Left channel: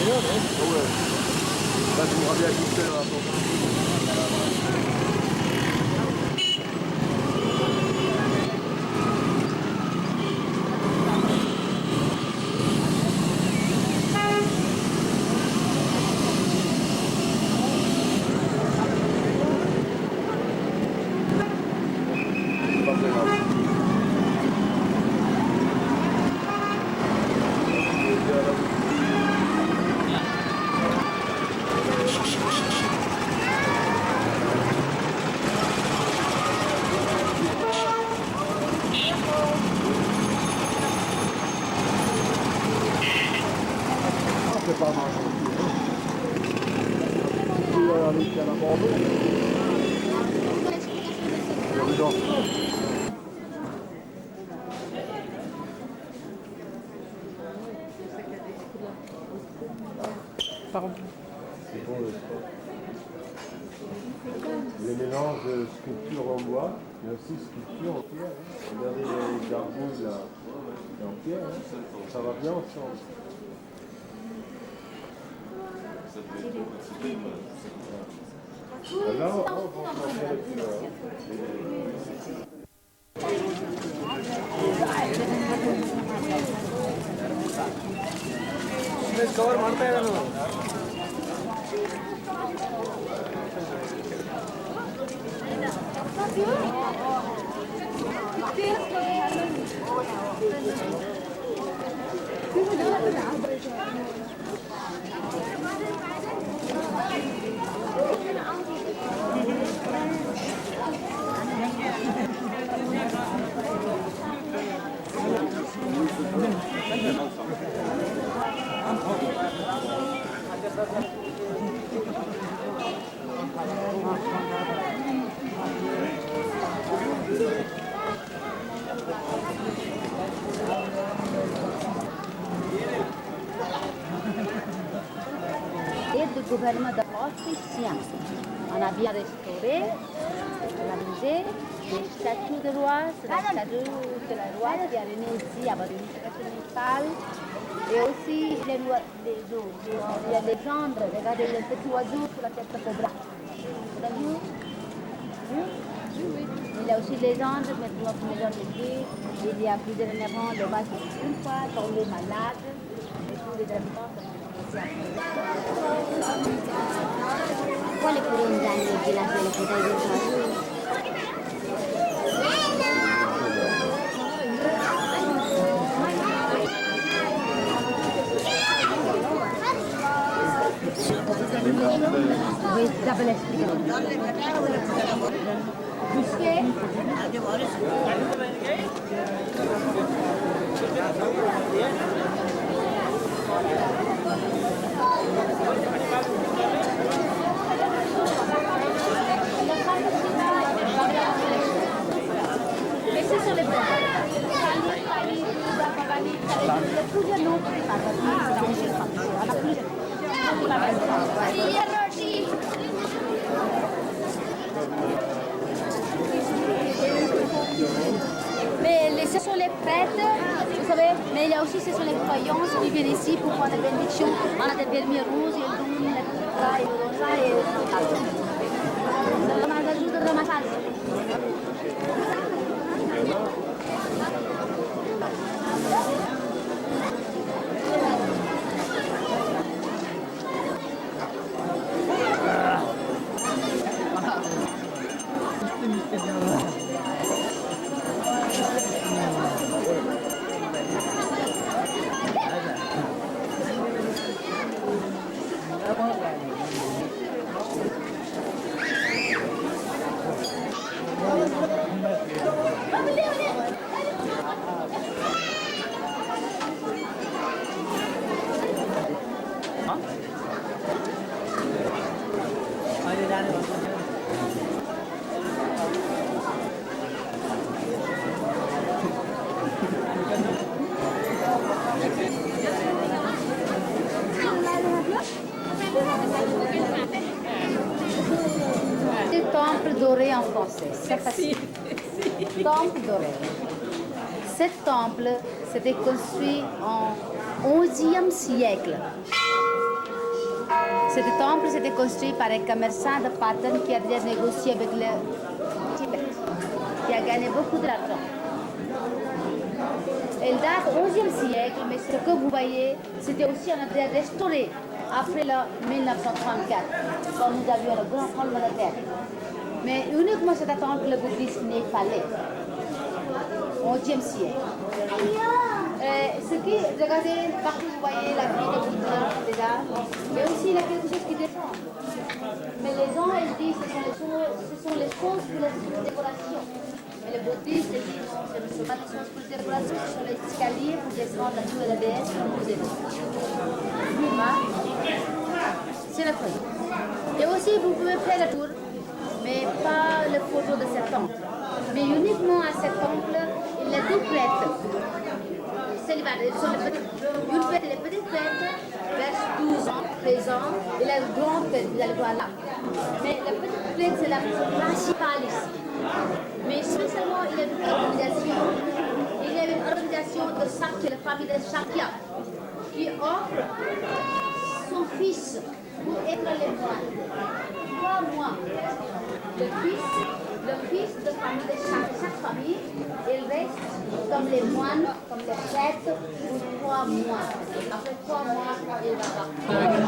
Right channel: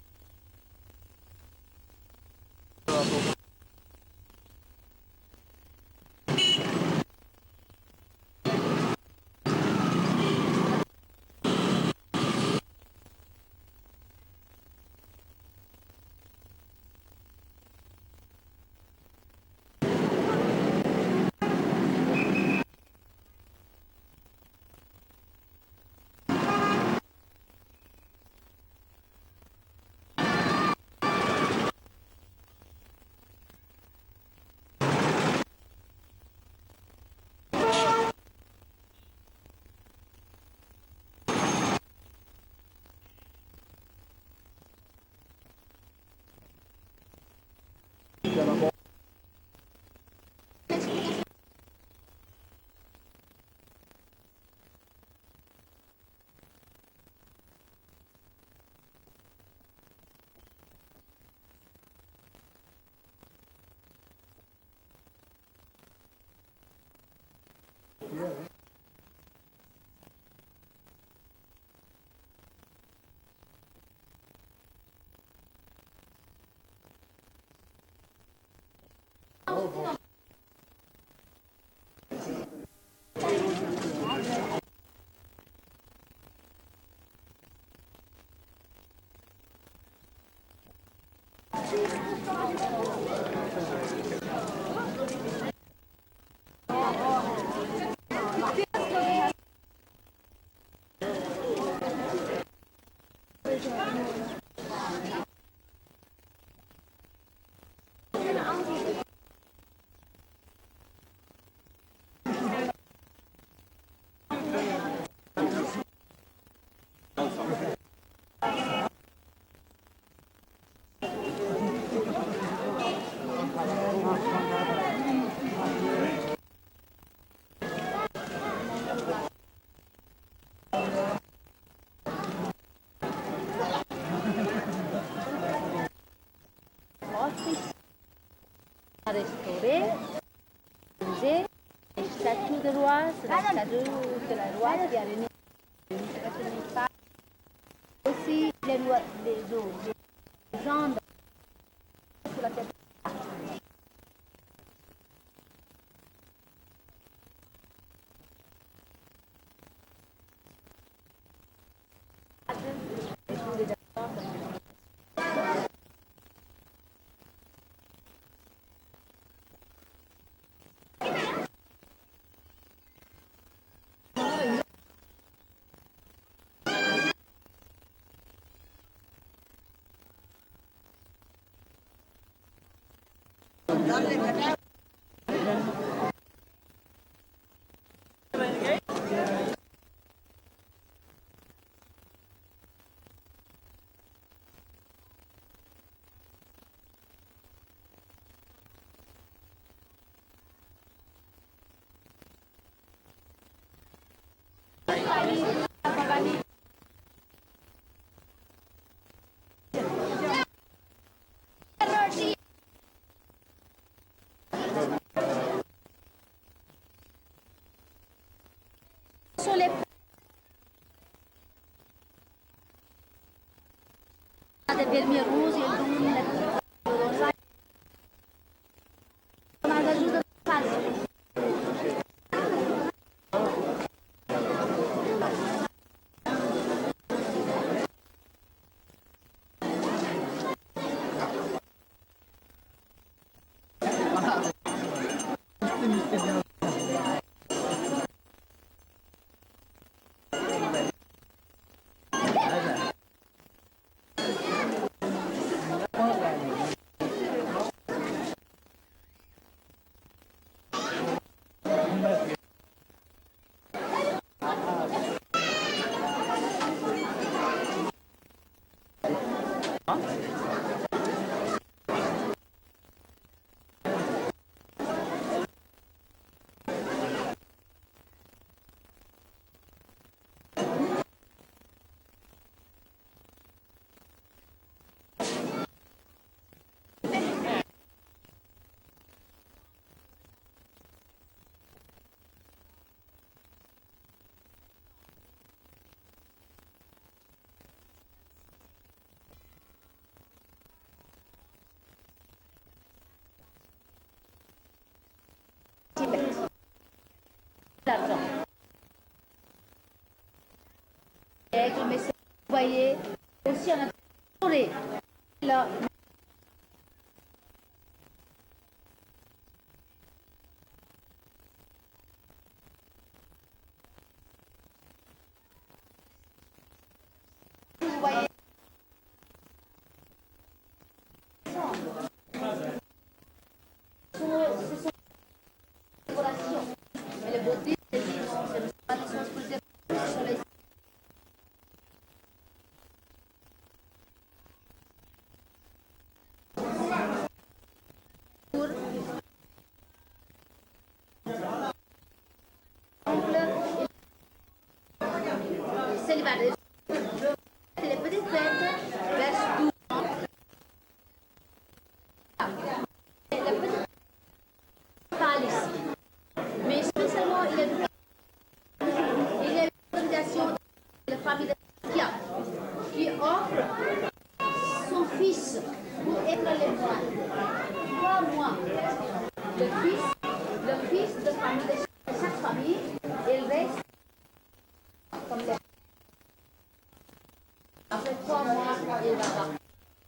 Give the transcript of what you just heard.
Ouais. Là, je voudrais bien goûter là. C'est pas mal. À la Bordeaux. Pardon. C'est bon le sport. Les mélanges de sculpture en bois, mais aussi sculpture en pierre. Hein. Regardez les gargouilles là, en pierre, hein. Ça va bien ensemble. Là, on va en faire les couleurs. Et le gouvernement de l'Autrichien. On a bien restauré, on a bougé, les statues de roi, c'est la statue de la roi qui est venue ici avec une tradition népale. Et aussi les eaux, il y a des gendres, regardez les petits oiseaux sur la tête de cobra. Vous avez vu? Il y a aussi les gendres, mais notre maison de vie, il y a plus dernièrement le vache une fois tombé malade et tous les habitants sont ici. Quale curondani di la Oui, double Questi sono le Mais ce sont les prêtres, vous savez, mais il y a aussi ce sont les croyances qui viennent ici pour faire des bénédictions. On a des vermis rouges, et le rouge, et le rosa, et on a ajuda de ma casa. Temple doré en français, c'est facile. Temple doré. Ce temple s'était construit en XIe siècle. Ce temple c'était construit par un commerçant de Patan qui a déjà négocié avec le Tibet, qui a gagné beaucoup d'argent. Elle date au XIe siècle, mais ce que vous voyez, c'était aussi un été restauré après le 1934, quand nous avions le grand tremblement de terre. Mais uniquement cet temple bouddhiste n'est pas allé au XIe siècle. Regardez, partout vous voyez la vie de Bouddha déjà, mais aussi il y a quelque chose qui descend. Mais les gens, ils disent que ce sont les choses pour la décoration. Mais les bouddhistes disent non, ce ne sont pas des choses pour la décoration, ce sont les escaliers pour descendre la tour de la déesse comme vous êtes. C'est la chose. Et aussi, vous pouvez faire la tour, mais pas la photo de cet temple. Mais uniquement à cet temple, il y a deux prêtres célibataires. Une fête et les petites fêtes, vers 12 ans, 13 ans, et la grande fête, vous allez voir là. Mais la petite fête, c'est la principale ici. Mais spécialement, il y a une organisation. Il y a une organisation de Sakya, la famille de Sakya, qui offre son fils pour être les moines. 3 mois. Le fils de famille de chaque famille, il reste comme les moines, comme les prêtres, pour 3 mois. Après 3 mois, il va partir.